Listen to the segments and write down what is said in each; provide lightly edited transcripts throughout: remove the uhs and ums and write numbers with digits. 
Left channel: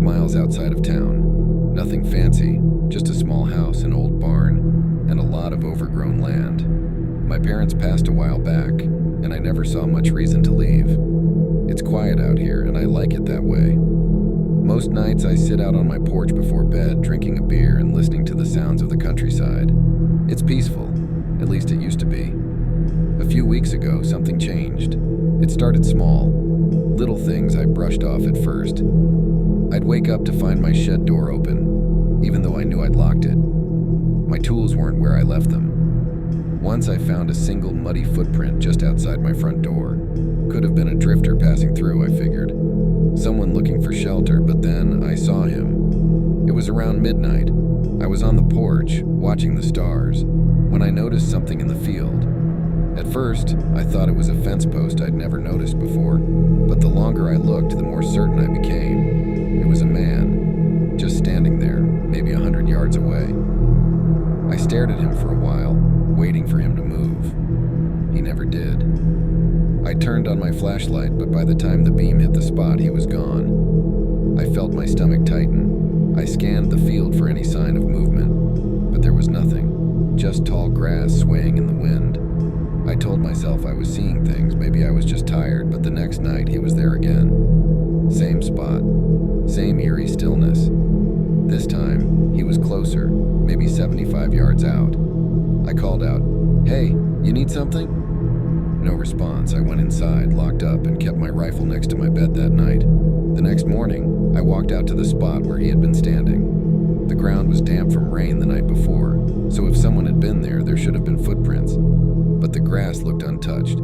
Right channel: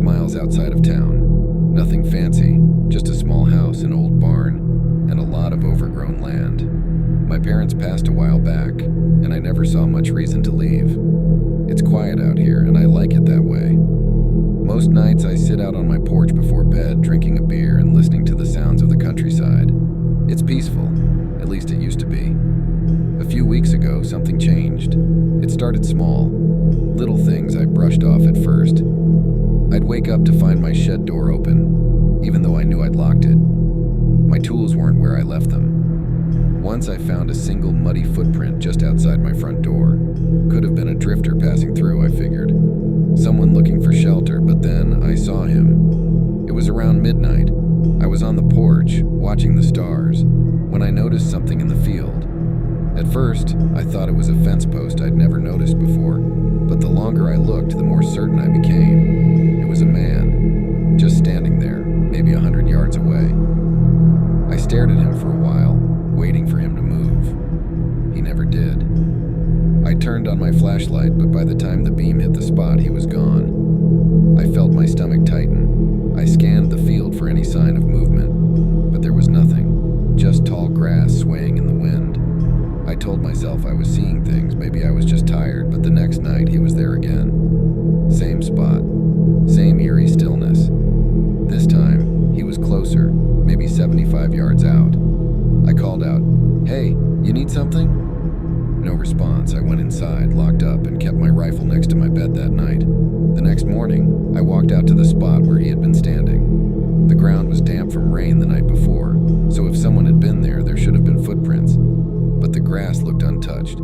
5 miles outside of town. Nothing fancy, just a small house, an old barn, and a lot of overgrown land. My parents passed a while back, and I never saw much reason to leave. It's quiet out here, and I like it that way. Most nights I sit out on my porch before bed, drinking a beer and listening to the sounds of the countryside. It's peaceful, at least it used to be. A few weeks ago, something changed. It started small, little things I brushed off at first. I'd wake up to find my shed door open, even though I knew I'd locked it. My tools weren't where I left them. Once I found a single muddy footprint just outside my front door. Could have been a drifter passing through, I figured. Someone looking for shelter, but then I saw him. It was around midnight. I was on the porch, watching the stars, when I noticed something in the field. At first, I thought it was a fence post I'd never noticed before, but the longer I looked, the more certain I became. It was a man, just standing there, maybe 100 yards away. I stared at him for a while, waiting for him to move. He never did. I turned on my flashlight, but by the time the beam hit the spot, he was gone. I felt my stomach tighten. I scanned the field for any sign of movement, but there was nothing, just tall grass swaying in the wind. I told myself I was seeing things, maybe I was just tired, but the next night he was there again. Same spot, same eerie stillness. This time, he was closer, maybe 75 yards out. I called out, "Hey, you need something?" No response. I went inside, locked up, and kept my rifle next to my bed that night. The next morning, I walked out to the spot where he had been standing. The ground was damp from rain the night before, so if someone had been there, there should have been footprints. But the grass looked untouched.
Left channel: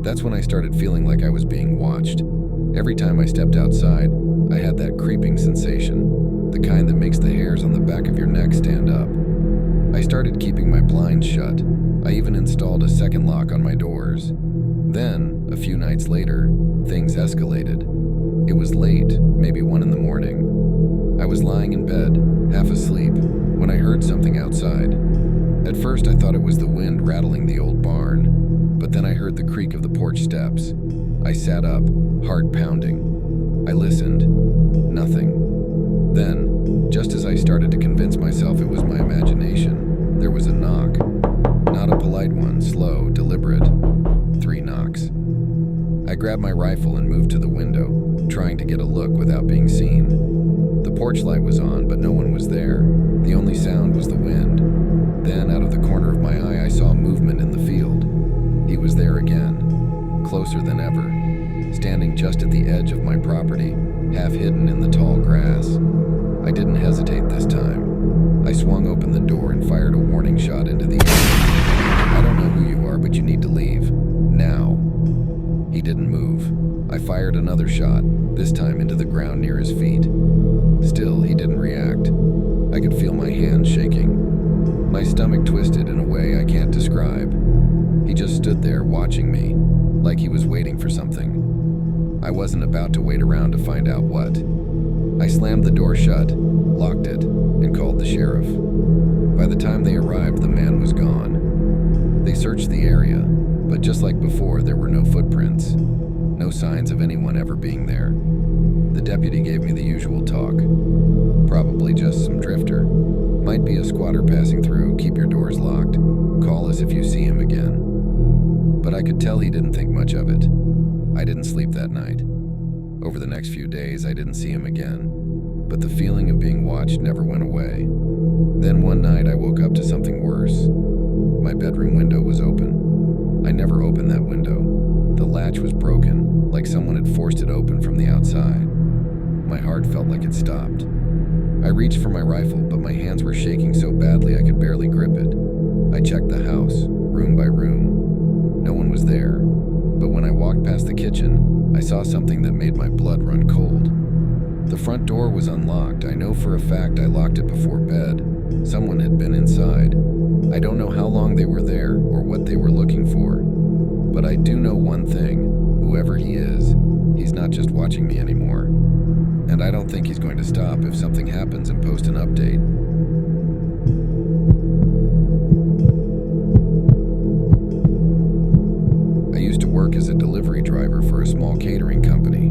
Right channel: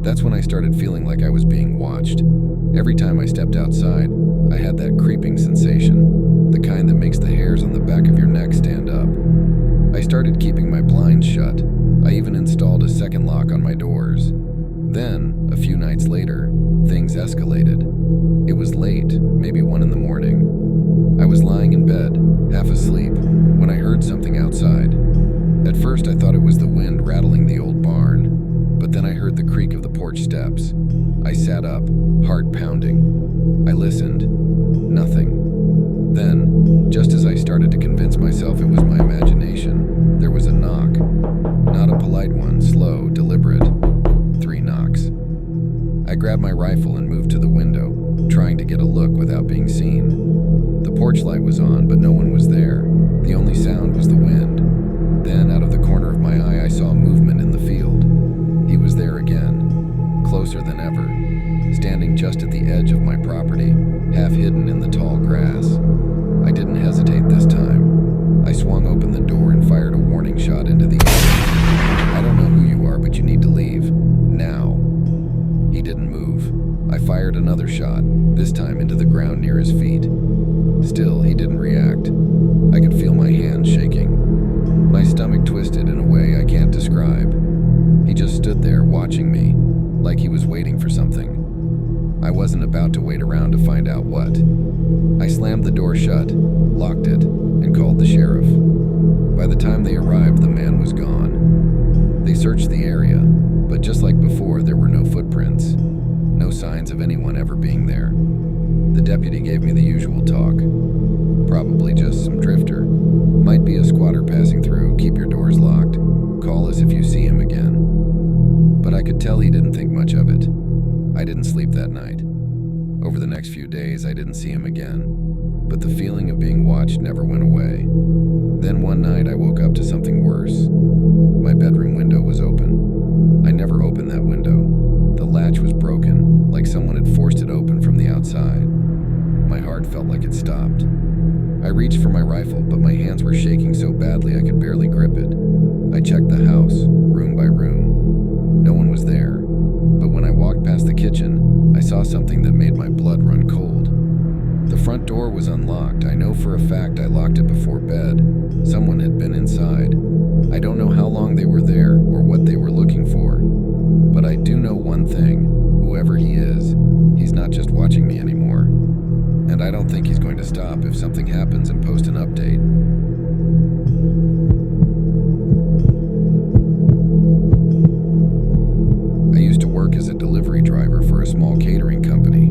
That's when I started feeling like I was being watched. Every time I stepped outside, I had that creeping sensation, the kind that makes the hairs on the back of your neck stand up. I started keeping my blinds shut. I even installed a second lock on my doors. Then, a few nights later, things escalated. It was late, maybe 1 in the morning. I was lying in bed, half asleep, when I heard something outside. At first I thought it was the wind rattling the old barn, but then I heard the creak of the porch steps. I sat up, heart pounding. I listened. Nothing. Then, just as I started to convince myself it was my imagination, there was a knock. Not a polite one, slow, deliberate. 3 knocks. I grabbed my rifle and moved to the window, trying to get a look without being seen. The porch light was on, but no one was there. The only sound was the wind. Then, out of the corner of my eye, I saw movement in the field. He was there again, closer than ever, standing just at the edge of my property, half hidden in the tall grass. I didn't hesitate this time. I swung open the door and fired a warning shot into the air. "I don't know who you are, but you need to leave. Now." He didn't move. I fired another shot, this time into the ground near his feet. Still, he didn't react. I could feel my hands shaking. My stomach twisted in a way I can't describe. He just stood there watching me, like he was waiting for something. I wasn't about to wait around to find out what. I slammed the door shut, locked it, and called the sheriff. By the time they arrived, the man was gone. They searched the area, but just like before, there were no footprints. No signs of anyone ever being there. The deputy gave me the usual talk. Probably just some drifter. Might be a squatter passing through, keep your doors locked. Call us if you see him again. But I could tell he didn't think much of it. I didn't sleep that night. Over the next few days, I didn't see him again. But the feeling of being watched never went away. Then one night, I woke up to something worse. My bedroom window was open. I never opened that window. The latch was broken, like someone had forced it open from the outside. My heart felt like it stopped. I reached for my rifle, but my hands were shaking so badly I could barely grip it. I checked the house, room by room. No one was there. But when I walked past the kitchen, I saw something that made my blood run cold. The front door was unlocked. I know for a fact I locked it before bed. Someone had been inside. I don't know how long they were there or what they were looking for. But I do know one thing. Whoever he is, he's not just watching me anymore. And I don't think he's going to stop if something happens and post an update. I used to work as a delivery driver for a small catering company.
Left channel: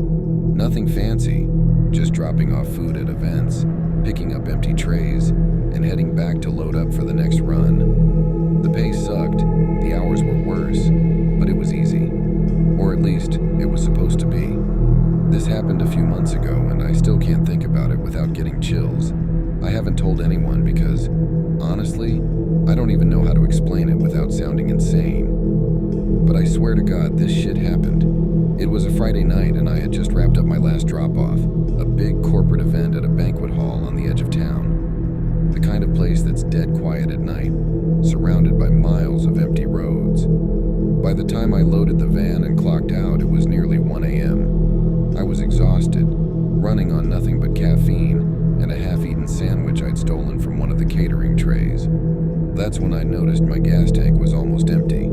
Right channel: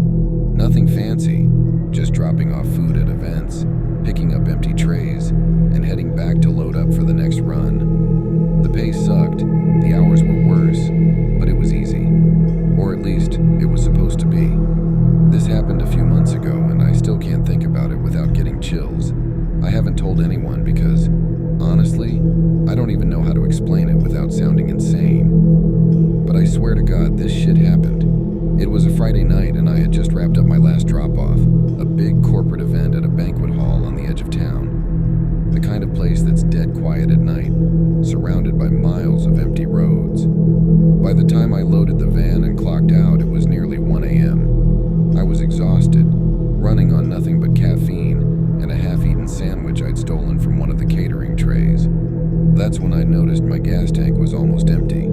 Nothing fancy, just dropping off food at events, picking up empty trays, and heading back to load up for the next run. The pay sucked, the hours were worse, but it was easy. Or at least, it was supposed to be. This happened a few months ago, and I still can't think about it without getting chills. I haven't told anyone because, honestly, I don't even know how to explain it without sounding insane. But I swear to God, this shit happened. It was a Friday night, and I had just wrapped up my last drop-off, a big corporate event at a banquet hall on the edge of town. The kind of place that's dead quiet at night, surrounded by miles of empty roads. By the time I loaded the van and clocked out, it was nearly 1 a.m. I was exhausted, running on nothing but caffeine and a half-eaten sandwich I'd stolen from one of the catering trays. That's when I noticed my gas tank was almost empty.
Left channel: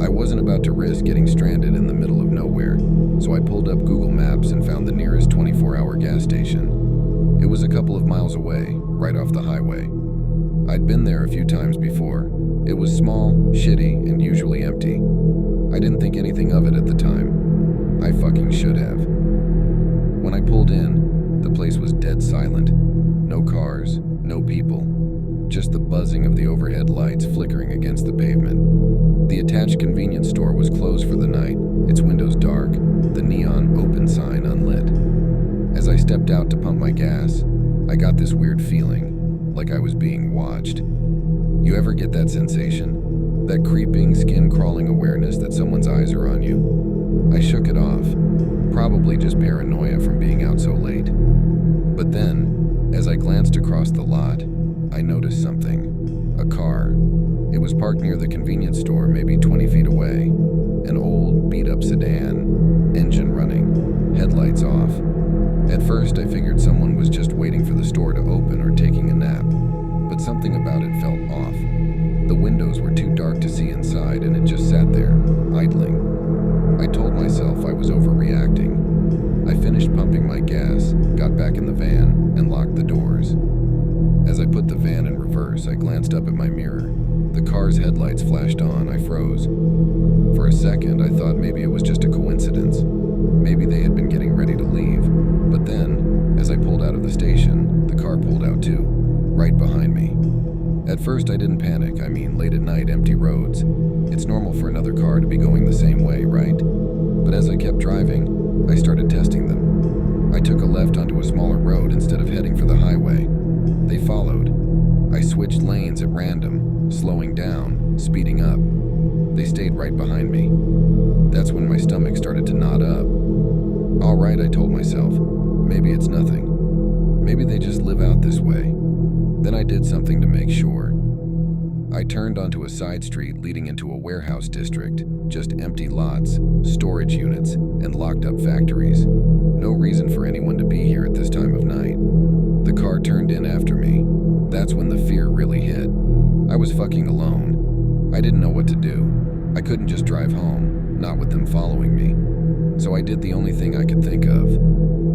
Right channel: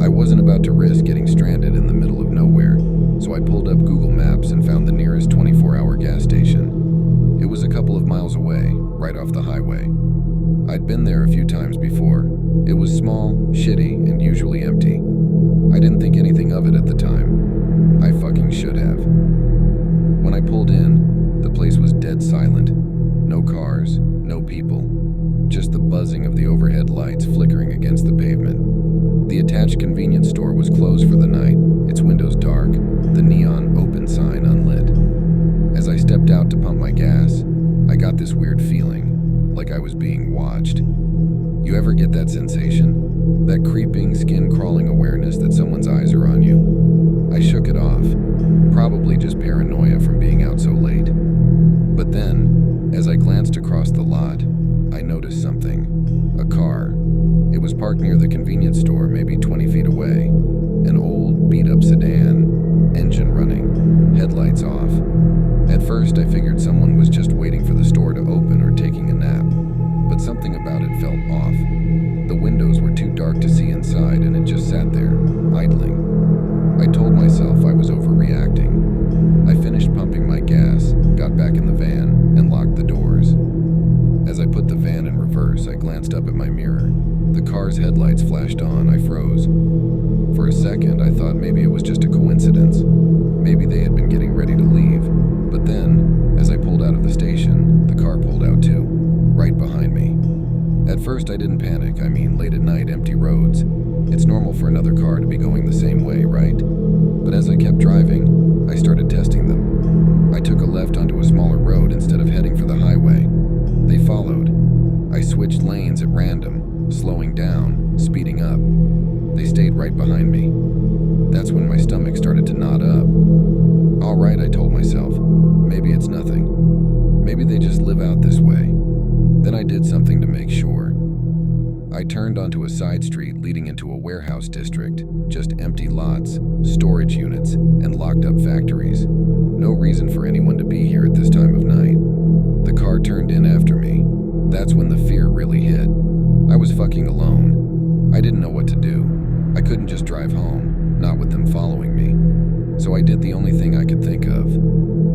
I wasn't about to risk getting stranded in the middle of nowhere, so I pulled up Google Maps and found the nearest 24-hour gas station. It was a couple of miles away, right off the highway. I'd been there a few times before. It was small, shitty, and usually empty. I didn't think anything of it at the time. I fucking should have. When I pulled in, the place was dead silent. No cars, no people. Just the buzzing of the overhead lights flickering against the pavement. The attached convenience store was closed for the night, its windows dark, the neon open sign unlit. As I stepped out to pump my gas, I got this weird feeling, like I was being watched. You ever get that sensation? That creeping, skin-crawling awareness that someone's eyes are on you? I shook it off, probably just paranoia from being out so late. But then, as I glanced across the lot, I noticed something. A car. It was parked near the convenience store, maybe 20 feet away. An old, beat-up sedan, engine running, headlights off. At first, I figured someone was just waiting for the store to open or taking a nap. But something about it felt off. The windows were too dark to see inside, and it just sat there, idling. I told myself I was overreacting. I finished pumping my gas, got back in the van, and locked the doors. As I put the van in reverse, I glanced up at my mirror. The car's headlights flashed on. I froze. For a second, I thought maybe it was just a coincidence. Maybe they had been getting ready to leave. But then, as I pulled out of the station, the car pulled out too, right behind me. At first, I didn't panic. I mean, late at night, empty roads. It's normal for another car to be going the same way, right? But as I kept driving, I started testing them. I took a left onto a smaller road instead of heading for the highway. They followed. I switched lanes at random, slowing down, speeding up. They stayed right behind me. That's when my stomach started to knot up. All right, I told myself. Maybe it's nothing. Maybe they just live out this way. Then I did something to make sure. I turned onto a side street leading into a warehouse district, just empty lots, storage units, and locked up factories. No reason for anyone to be here at this time of night. The car turned in after me. That's when the fear really hit. I was fucking alone. I didn't know what to do. I couldn't just drive home, not with them following me. So I did the only thing I could think of.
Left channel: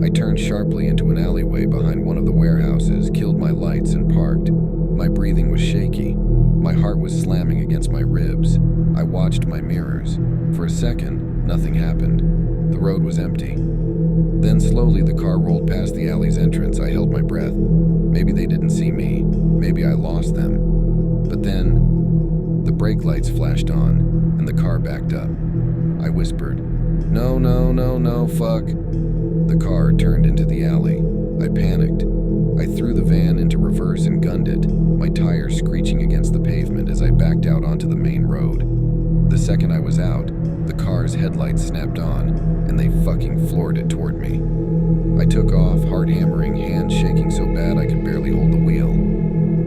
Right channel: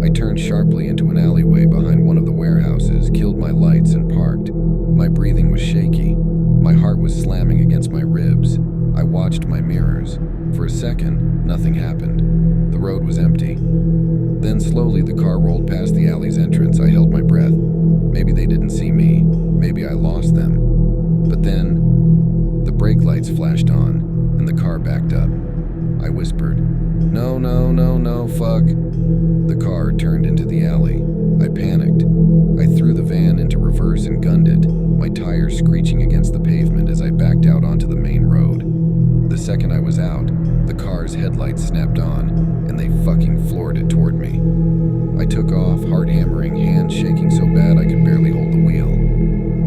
I turned sharply into an alleyway behind one of the warehouses, killed my lights, and parked. My breathing was shaky. My heart was slamming against my ribs. I watched my mirrors. For a second, nothing happened. The road was empty. Then slowly the car rolled past the alley's entrance. I held my breath. Maybe they didn't see me. Maybe I lost them. But then, the brake lights flashed on, and the car backed up. I whispered, "No, no, no, no, fuck." The car turned into the alley. I panicked. I threw the van into reverse and gunned it, my tires screeching against the pavement as I backed out onto the main road. The second I was out, the car's headlights snapped on, and they fucking floored it toward me. I took off, heart hammering, hands shaking so bad I could barely hold the wheel.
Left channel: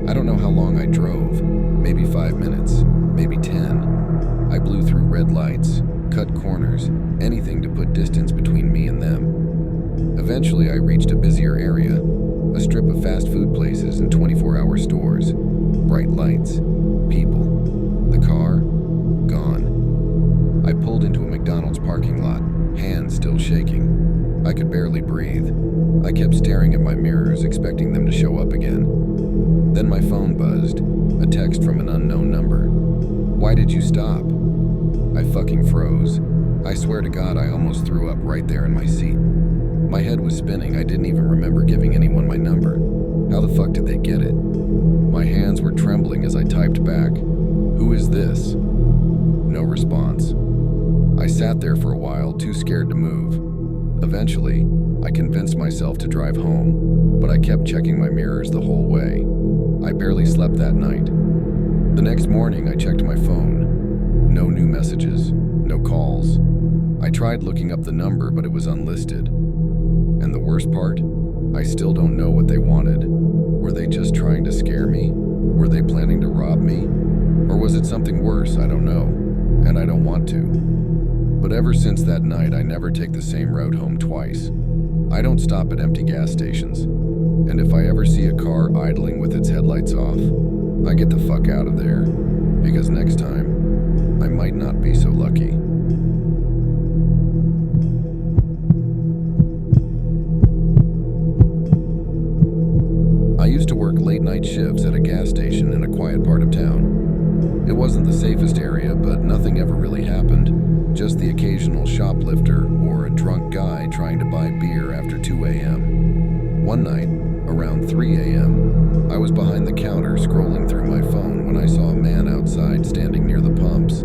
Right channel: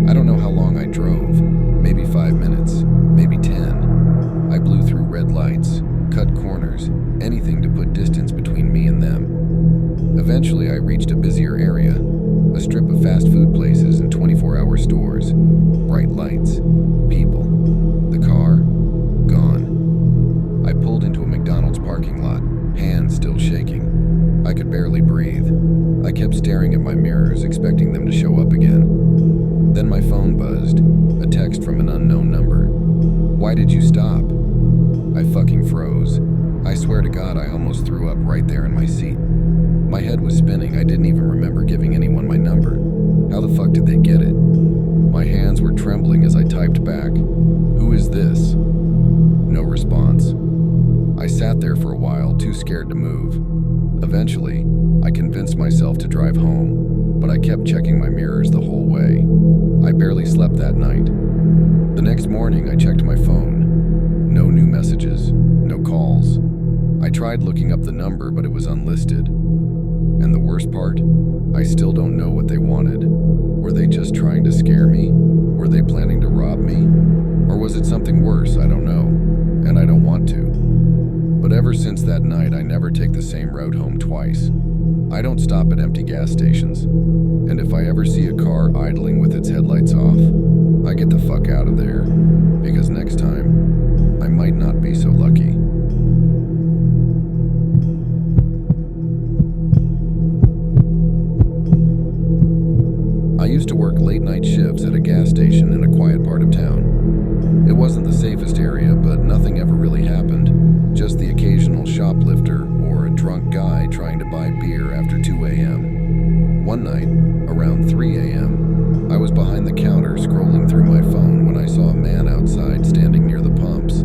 I don't know how long I drove, maybe 5 minutes, maybe 10. I blew through red lights, cut corners, anything to put distance between me and them. Eventually, I reached a busier area, a strip of fast food places and 24-hour stores. Bright lights, people. The car, gone. I pulled into a McDonald's parking lot, hands still shaking. I could barely breathe. I kept staring at my mirrors, expecting them to show up again. Then my phone buzzed, a text from an unknown number. "Why did you stop?" I fucking froze. I swear to God I almost threw up right there in my seat. My head was spinning. I didn't even remember giving anyone my number. How the fuck did they get it? My hands were trembling as I typed back, "Who is this?" No response. I sat there for a while, too scared to move. Eventually, I convinced myself to drive home, but I kept checking my mirrors the whole way. I barely slept that night. The next morning, I checked my phone. No new messages, no calls. I tried looking up the number, but it was unlisted. And the worst part? I still don't know what they wanted. Were they just trying to scare me? Were they planning to rob me? Or was it something worse? I don't know, and I don't want to. But ever since that night, I never take the same route home twice. I don't stop at empty gas stations. And if I ever see a car idling with its headlights off, I get the fuck out of there. Because next time, I might not be so lucky. I used to work late-night shifts at a gas station in a quiet part of town. It wasn't the safest area, but nothing ever really happened. Just the occasional shoplifter or a drunk guy trying to buy beer after 2 a.m. One night, around 3 a.m., I was behind the counter scrolling through my phone when I saw a man outside standing near the pumps.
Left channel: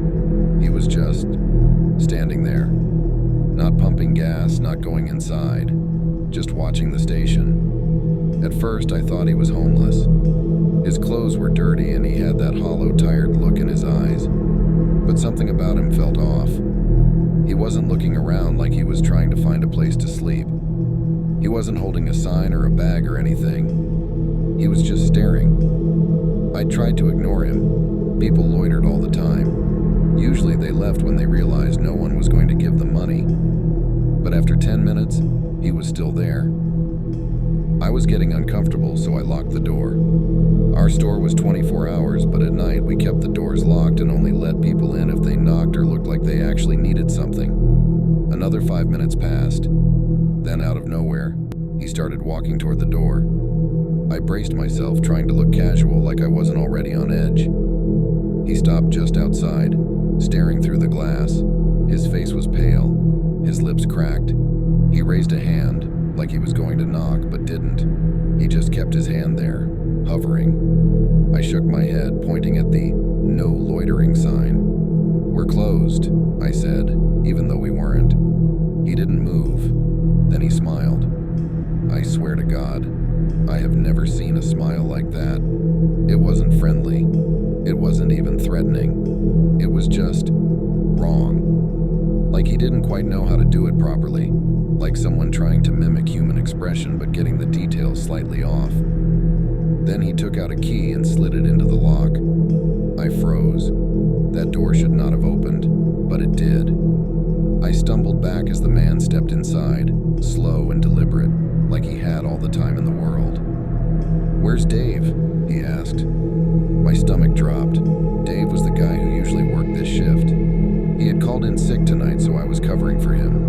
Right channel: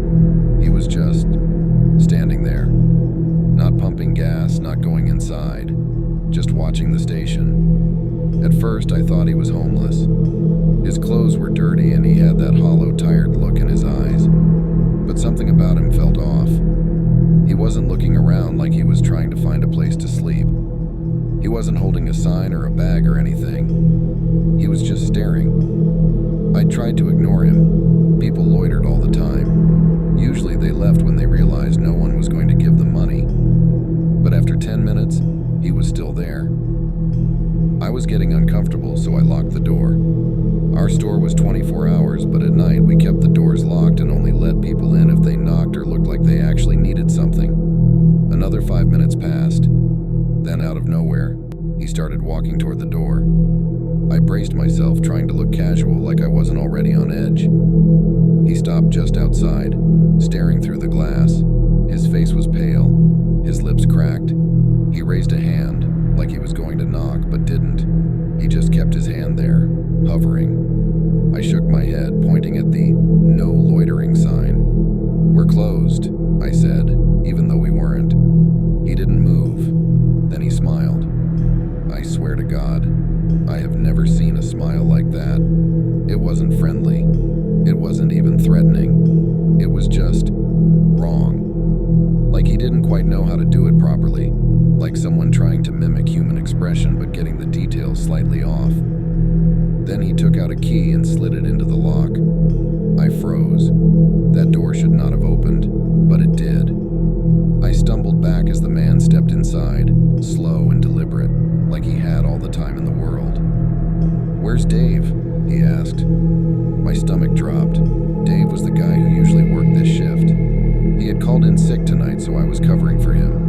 He was just standing there. Not pumping gas, not going inside, just watching the station. At first, I thought he was homeless. His clothes were dirty and he had that hollow, tired look in his eyes. But something about him felt off. He wasn't looking around like he was trying to find a place to sleep. He wasn't holding a sign or a bag or anything. He was just staring. I tried to ignore him. People loitered all the time. Usually they left when they realized no one was going to give them money. But after 10 minutes, he was still there. I was getting uncomfortable, so I locked the door. Our store was 24 hours, but at night we kept the doors locked and only let people in if they knocked or looked like they actually needed something. Another 5 minutes passed. Then out of nowhere, he started walking toward the door. I braced myself, trying to look casual like I wasn't already on edge. He stopped just outside, staring through the glass. His face was pale, his lips cracked. He raised a hand, like he was going to knock, but didn't. He just kept his hand there, hovering. I shook my head, pointing at the "No Loitering" sign. "We're closed," I said, even though we weren't. He didn't move. Then he smiled. I swear to God, I have never seen a smile like that. It wasn't friendly. It wasn't even threatening. It was just wrong. Like he didn't quite know how to do it properly. Like someone trying to mimic human expression but getting the details slightly off. Then he took out a key and slid it into the lock. I froze. That door should not have opened, but it did. I stumbled back as the man stepped inside, slow and deliberate, like he had all the time in the world. "Where's Dave?" he asked. My stomach dropped. Dave was the guy who usually worked this shift. He had called in sick tonight, so I was covering for him.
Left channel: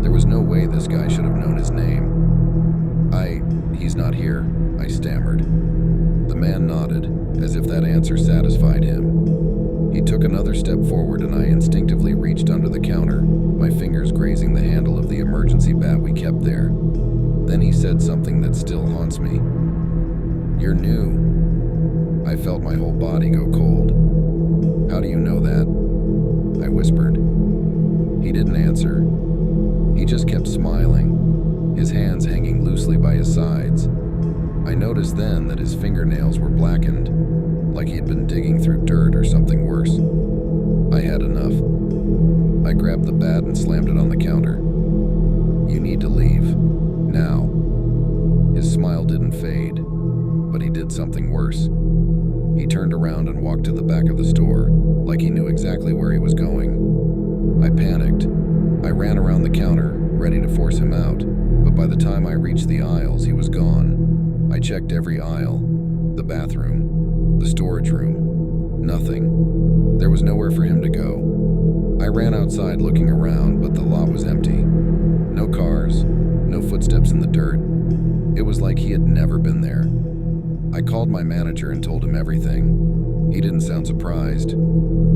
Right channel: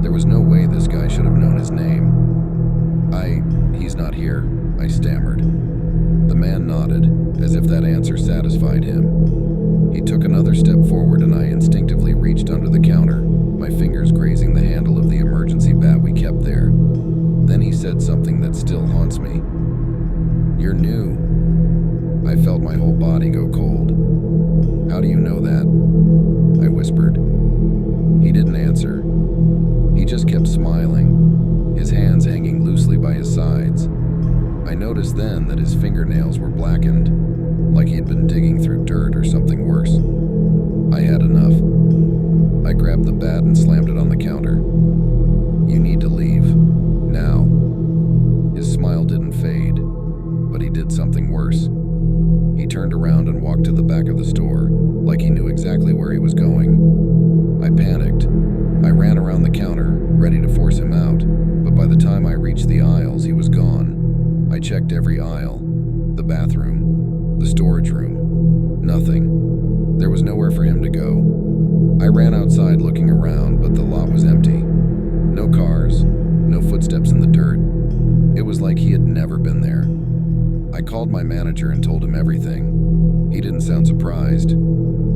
There was no way this guy should have known his name. He's not here," I stammered. The man nodded, as if that answer satisfied him. He took another step forward and I instinctively reached under the counter, my fingers grazing the handle of the emergency bat we kept there. Then he said something that still haunts me. "You're new." I felt my whole body go cold. "How do you know that?" I whispered. He didn't answer. He just kept smiling, his hands hanging loosely by his sides. I noticed then that his fingernails were blackened, like he had been digging through dirt or something worse. I had enough. I grabbed the bat and slammed it on the counter. "You need to leave. Now." His smile didn't fade, but he did something worse. He turned around and walked to the back of the store, like he knew exactly where he was going. I panicked. I ran around the counter, ready to force him out, but by the time I reached the aisles, he was gone. I checked every aisle, the bathroom, the storage room. Nothing. There was nowhere for him to go. I ran outside looking around, but the lot was empty. No cars, no footsteps in the dirt. It was like he had never been there. I called my manager and told him everything. He didn't sound surprised.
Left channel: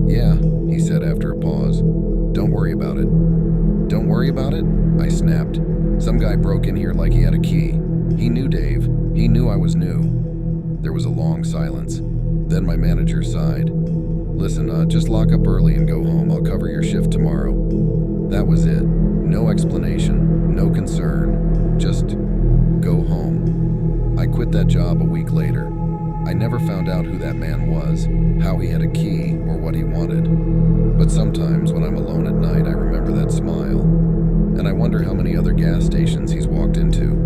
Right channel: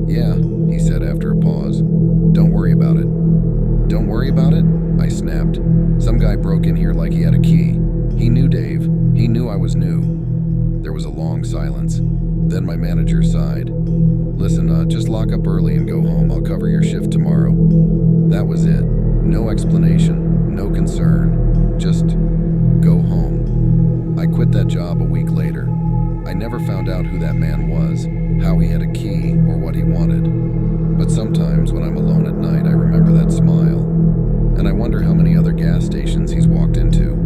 "Yeah," he said after a pause. "Don't worry about it." "Don't worry about it?" I snapped. Some guy broke in here like he had a key. He knew Dave. He knew I was new. There was a long silence. Then my manager sighed. Listen, just lock up early and go home. I'll cover your shift tomorrow. That was it. No explanation, no concern. Just go home. I quit that job a week later. I never found out who that man was, how he had a key, or what he wanted. But sometimes when I'm alone at night, I remember that smile. And I wonder how many other gas stations he's walked into.